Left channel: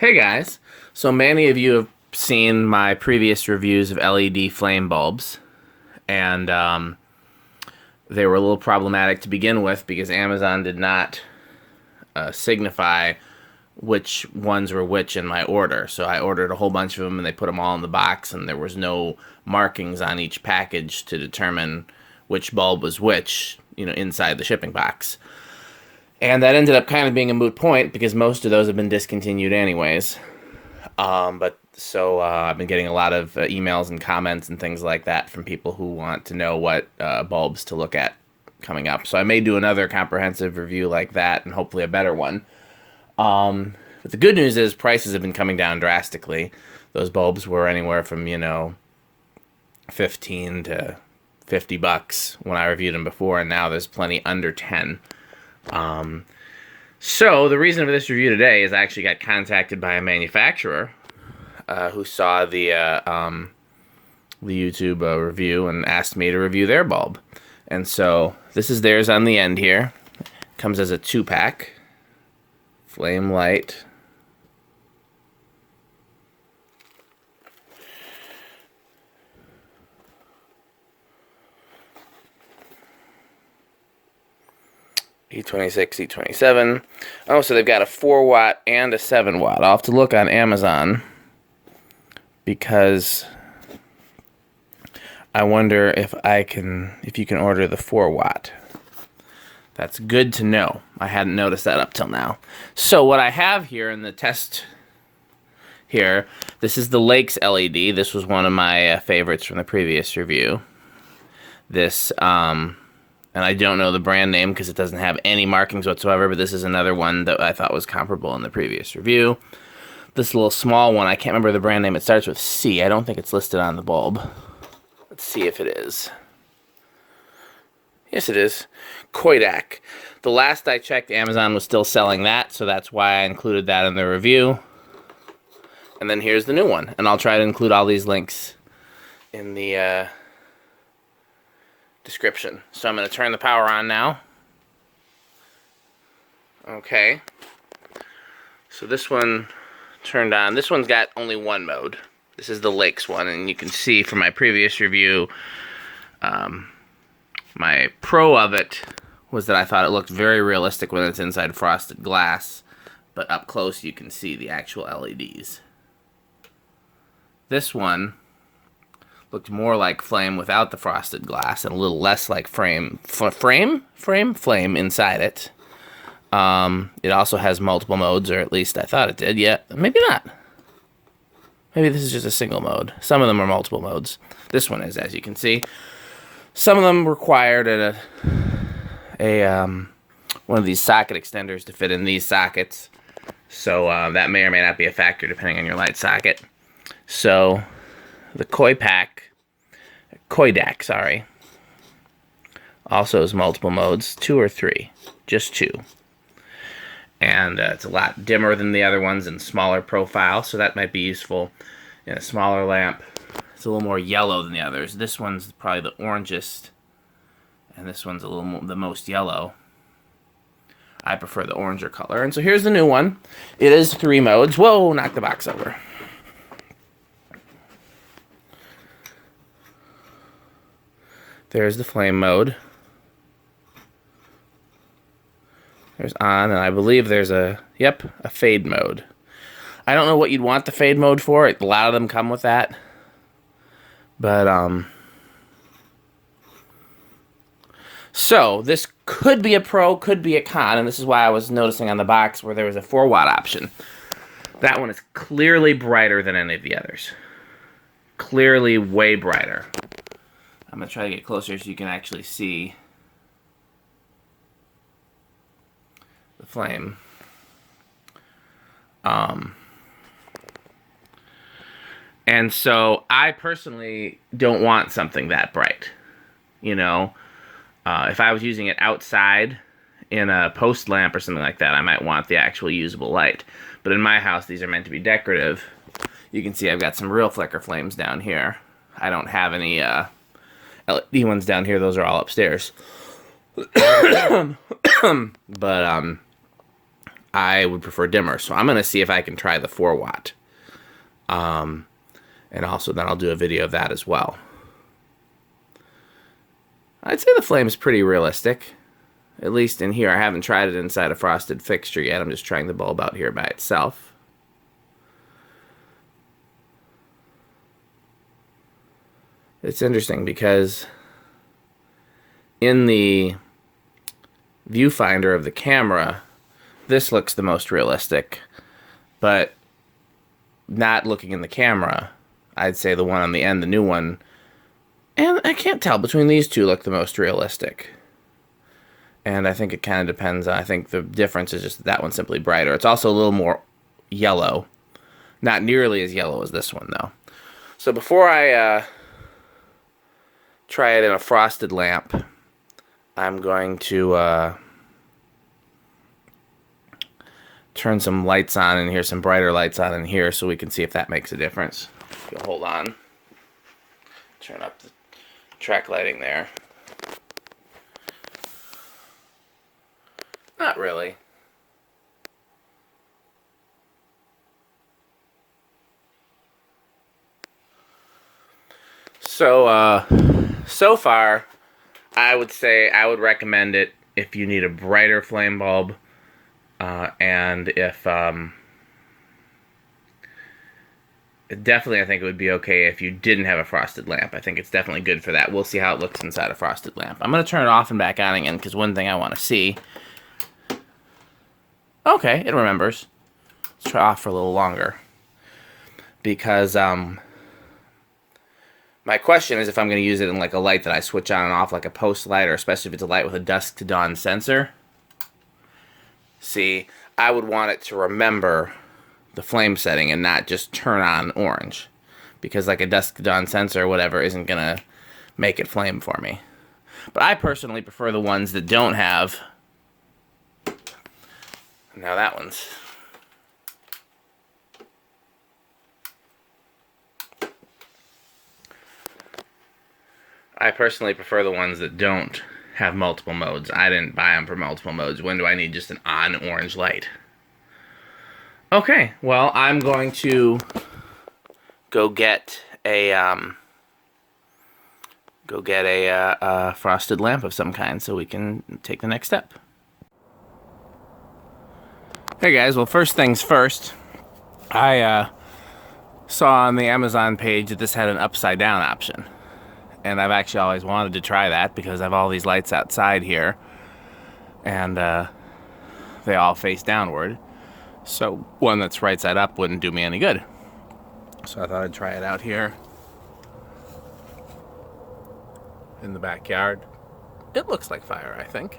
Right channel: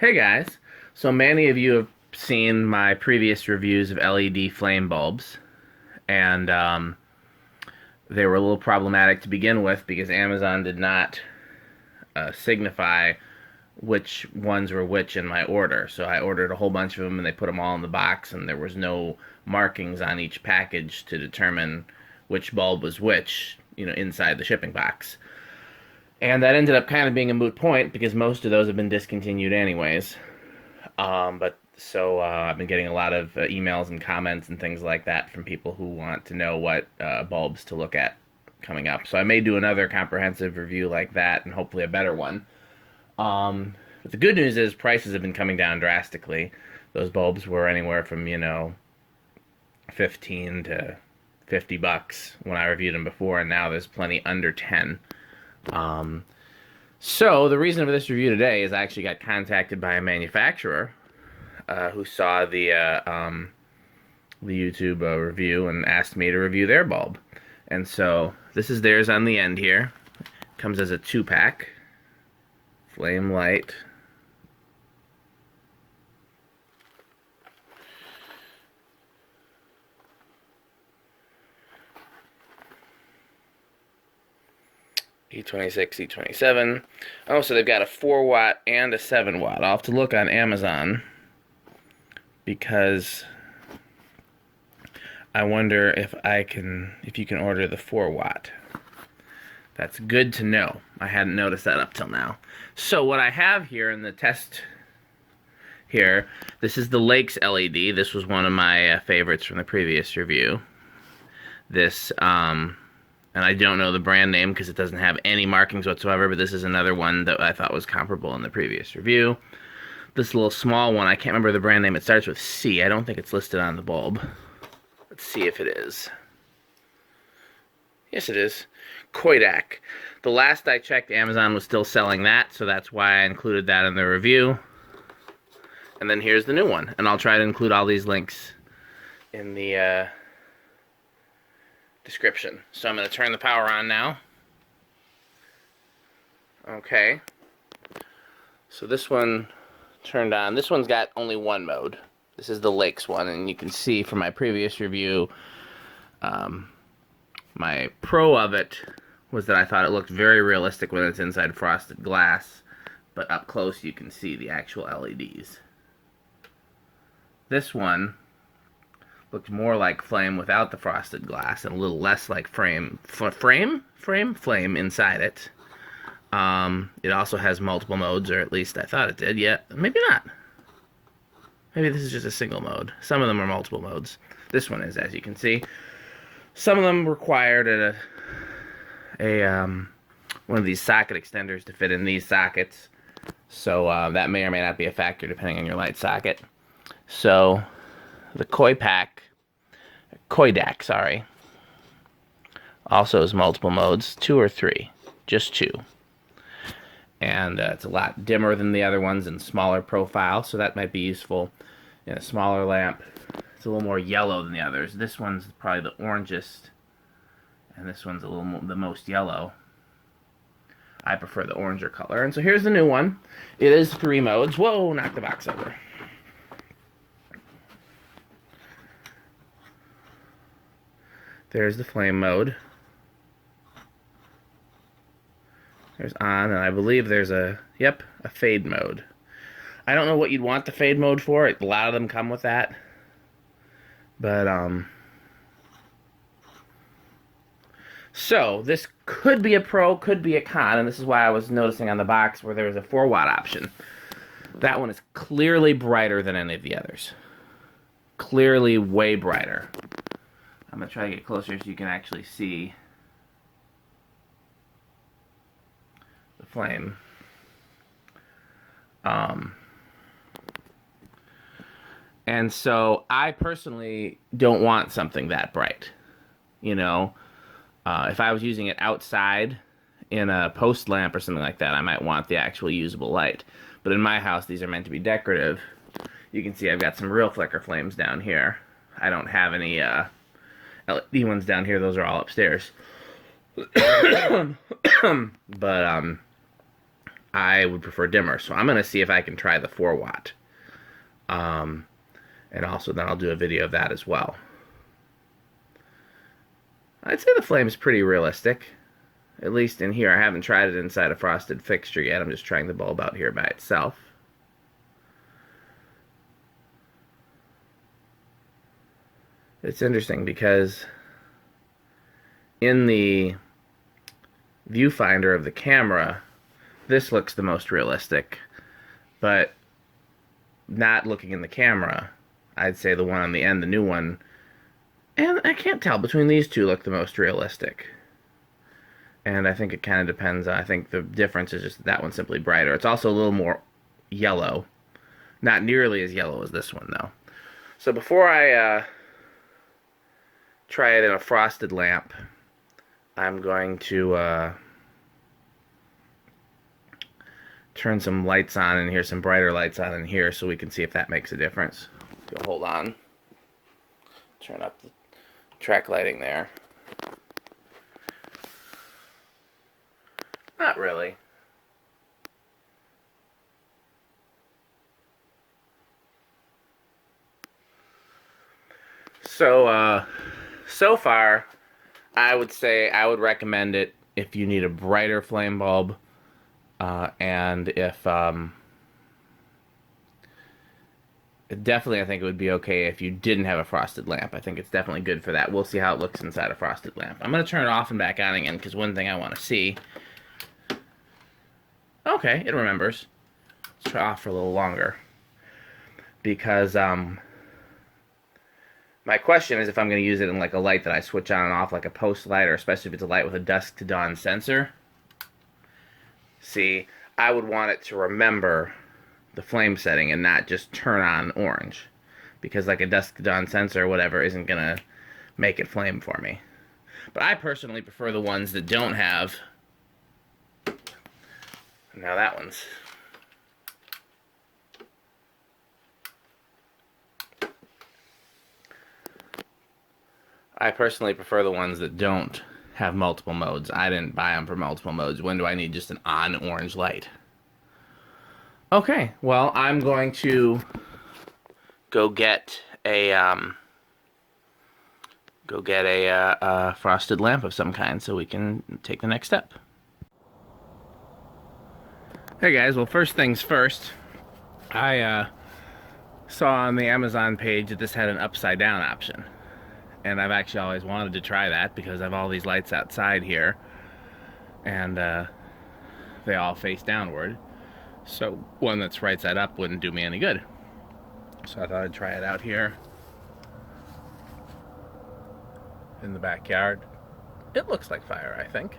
Hey guys, so many of you have seen my previous reviews of LED flame bulbs, and they were a little problematic to begin with because Amazon did not signify which ones were which in my order. So I ordered a whole bunch of them and they put them all in the box, and there was no markings on each package to determine which bulb was which, inside the shipping box. And that ended up kind of being a moot point because most of those have been discontinued anyways. But I've been getting a lot of emails and comments and things like that from people who want to know what bulbs to look at coming up. So I may do another comprehensive review like that and hopefully a better one. But the good news is prices have been coming down drastically. Those bulbs were anywhere from, 15 to $50 when I reviewed them before, and now there's plenty under 10. So the reason for this review today is I actually got contacted by a manufacturer who saw the YouTube review and asked me to review their bulb. And so this is theirs on the end here. Comes as a 2-pack. Flame light. E26, E27. Oh, so they've got a 4-watt and a 7-watt. I'll have to look on Amazon because I wonder if you can order the 4-watt. That's good to know. I hadn't noticed that up till now. So what I have here in the test here, this is the Lakes LED. This was one of my favorites from the previous review. This, and I don't know the brand name because it doesn't have any markings whatsoever, but this is another one that I thought was comparable in the previous review. This little small one, I can't remember the brand name. It starts with C. I don't think it's listed on the bulb. Let's see if it is. Yes, it is. Coidak. The last I checked, Amazon was still selling that, so that's why I included that in the review. And then here's the new one. And I'll try to include all these links in the description. So I'm going to turn the power on now. Okay. So this one turned on. This one's got only one mode. This is the Lakes one, and you can see from my previous review, my pro of it was that I thought it looked very realistic when it's inside frosted glass, but up close you can see the actual LEDs. This one looked more like flame without the frosted glass and a little less like flame inside it. It also has multiple modes, or at least I thought it did. Yeah, maybe not. Maybe this is just a single mode. Some of them are multiple modes. This one is, as you can see. Some of them required one of these socket extenders to fit in these sockets. So that may or may not be a factor depending on your light socket. So the Coidak, also has multiple modes, 2 or 3, just 2. And it's a lot dimmer than the other ones and smaller profile, so that might be useful in a smaller lamp. It's a little more yellow than the others. This one's probably the orangest, and this one's a little more, the most yellow. I prefer the oranger color. And so here's the new one. It is 3 modes. Whoa, knock the box over. There's the flame mode. There's on, and I believe there's a fade mode. I don't know what you'd want the fade mode for. A lot of them come with that. But, so this could be a pro, could be a con, and this is why I was noticing on the box where there was a 4-watt option. That one is clearly brighter than any of the others. Clearly way brighter. I'm going to try to get closer so you can actually see the flame. And so I personally don't want something that bright. If I was using it outside in a post lamp or something like that, I might want the actual usable light. But in my house, these are meant to be decorative. You can see I've got some real flicker flames down here. I don't have any LED ones down here. Those are all upstairs. But I would prefer dimmer. So I'm going to see if I can try the 4 watt. And also then I'll do a video of that as well. I'd say the flame is pretty realistic. At least in here. I haven't tried it inside a frosted fixture yet. I'm just trying the bulb out here by itself. It's interesting because in the viewfinder of the camera, this looks the most realistic, but not looking in the camera, I'd say the one on the end, the new one, and I can't tell, between these two look the most realistic. And I think it kind of depends on, I think the difference is just that one's simply brighter. It's also a little more yellow. Not nearly as yellow as this one, though. So before I try it in a frosted lamp, I'm going to turn some lights on in here, some brighter lights on in here, so we can see if that makes a difference. If you'll hold on. Turn up the track lighting there. Not really. So, so far, I would say I would recommend it if you need a brighter flame bulb, and if, definitely I think it would be okay if you didn't have a frosted lamp. I think it's definitely good for that. We'll see how it looks inside a frosted lamp. I'm going to turn it off and back on again, because one thing I want to see... Okay, it remembers. Let's try off for a little longer. Because, my question is if I'm going to use it in like a light that I switch on and off, like a post light, or especially if it's a light with a dusk to dawn sensor. See, I would want it to remember the flame setting and not just turn on orange. Because like a dusk to dawn sensor or whatever isn't going to make it flame for me. But I personally prefer the ones that don't have... Now that one's... I personally prefer the ones that don't have multiple modes. I didn't buy them for multiple modes. When do I need just an on orange light? Okay, well, I'm going to go get a frosted lamp of some kind so we can take the next step. Hey guys, well, first things first, I saw on the Amazon page that this had an upside down option. And I've actually always wanted to try that because I have all these lights outside here. And they all face downward. So one that's right side up wouldn't do me any good. So I thought I'd try it out here in the backyard. It looks like fire, I think.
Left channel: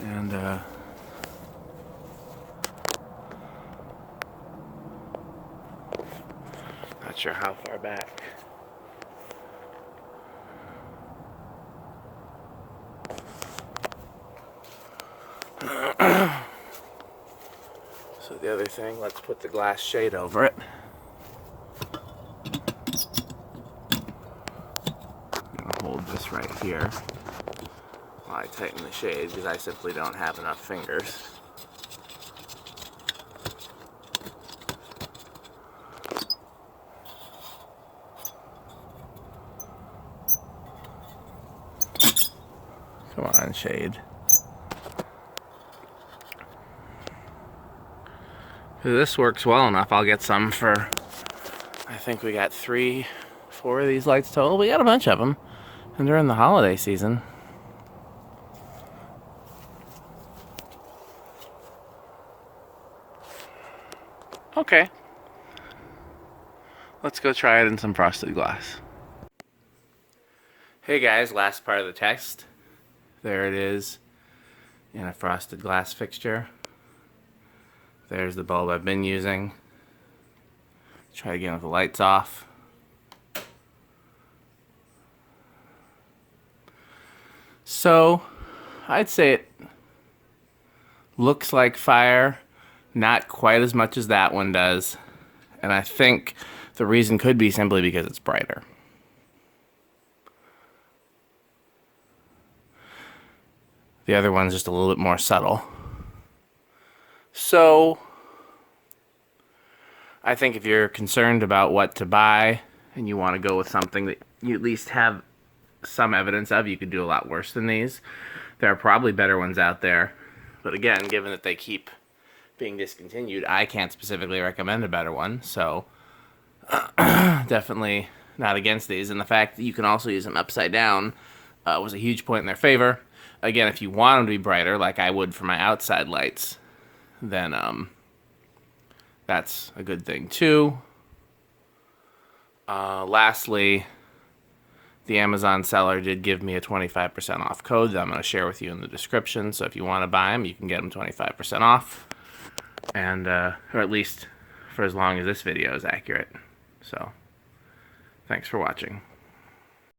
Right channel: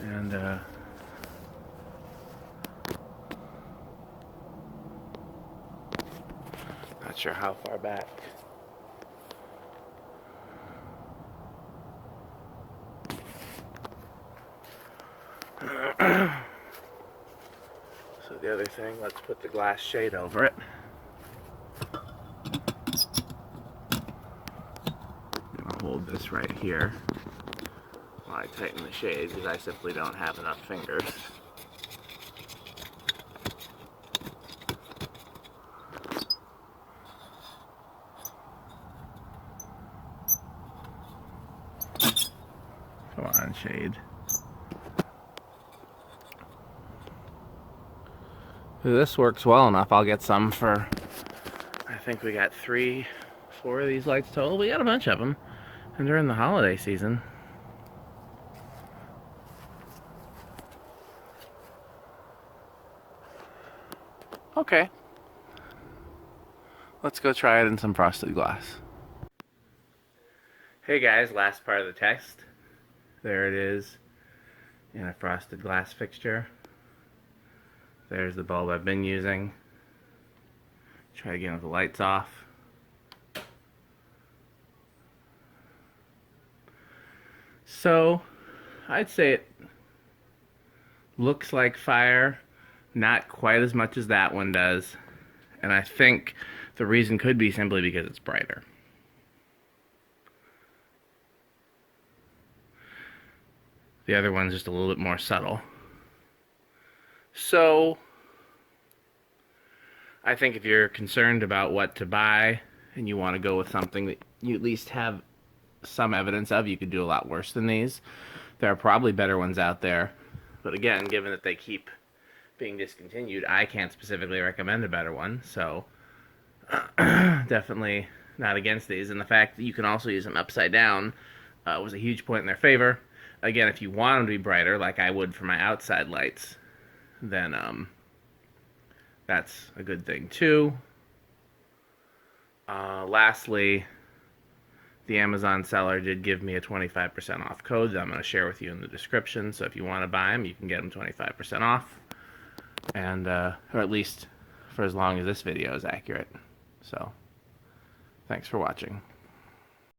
And not sure how far back. So the other thing, let's put the glass shade over it. I'm gonna hold this right here while I tighten the shade because I simply don't have enough fingers. Come on, shade. If this works well enough, I'll get some for, I think we got 3, 4 of these lights total. We got a bunch of them, and they're in the holiday season. Okay. Let's go try it in some frosted glass. Hey guys, last part of the test. There it is in a frosted glass fixture. There's the bulb I've been using. Try again with the lights off. So, I'd say it looks like fire, not quite as much as that one does. And I think the reason could be simply because it's brighter. The other one's just a little bit more subtle. So I think if you're concerned about what to buy and you want to go with something that you at least have some evidence of, you could do a lot worse than these. There are probably better ones out there. But again, given that they keep being discontinued, I can't specifically recommend a better one. So definitely not against these. And the fact that you can also use them upside down was a huge point in their favor. Again, if you want them to be brighter, like I would for my outside lights, then that's a good thing too. Lastly, the Amazon seller did give me a 25% off code that I'm going to share with you in the description. So if you want to buy them, you can get them 25% off. And, or at least for as long as this video is accurate. So, thanks for watching.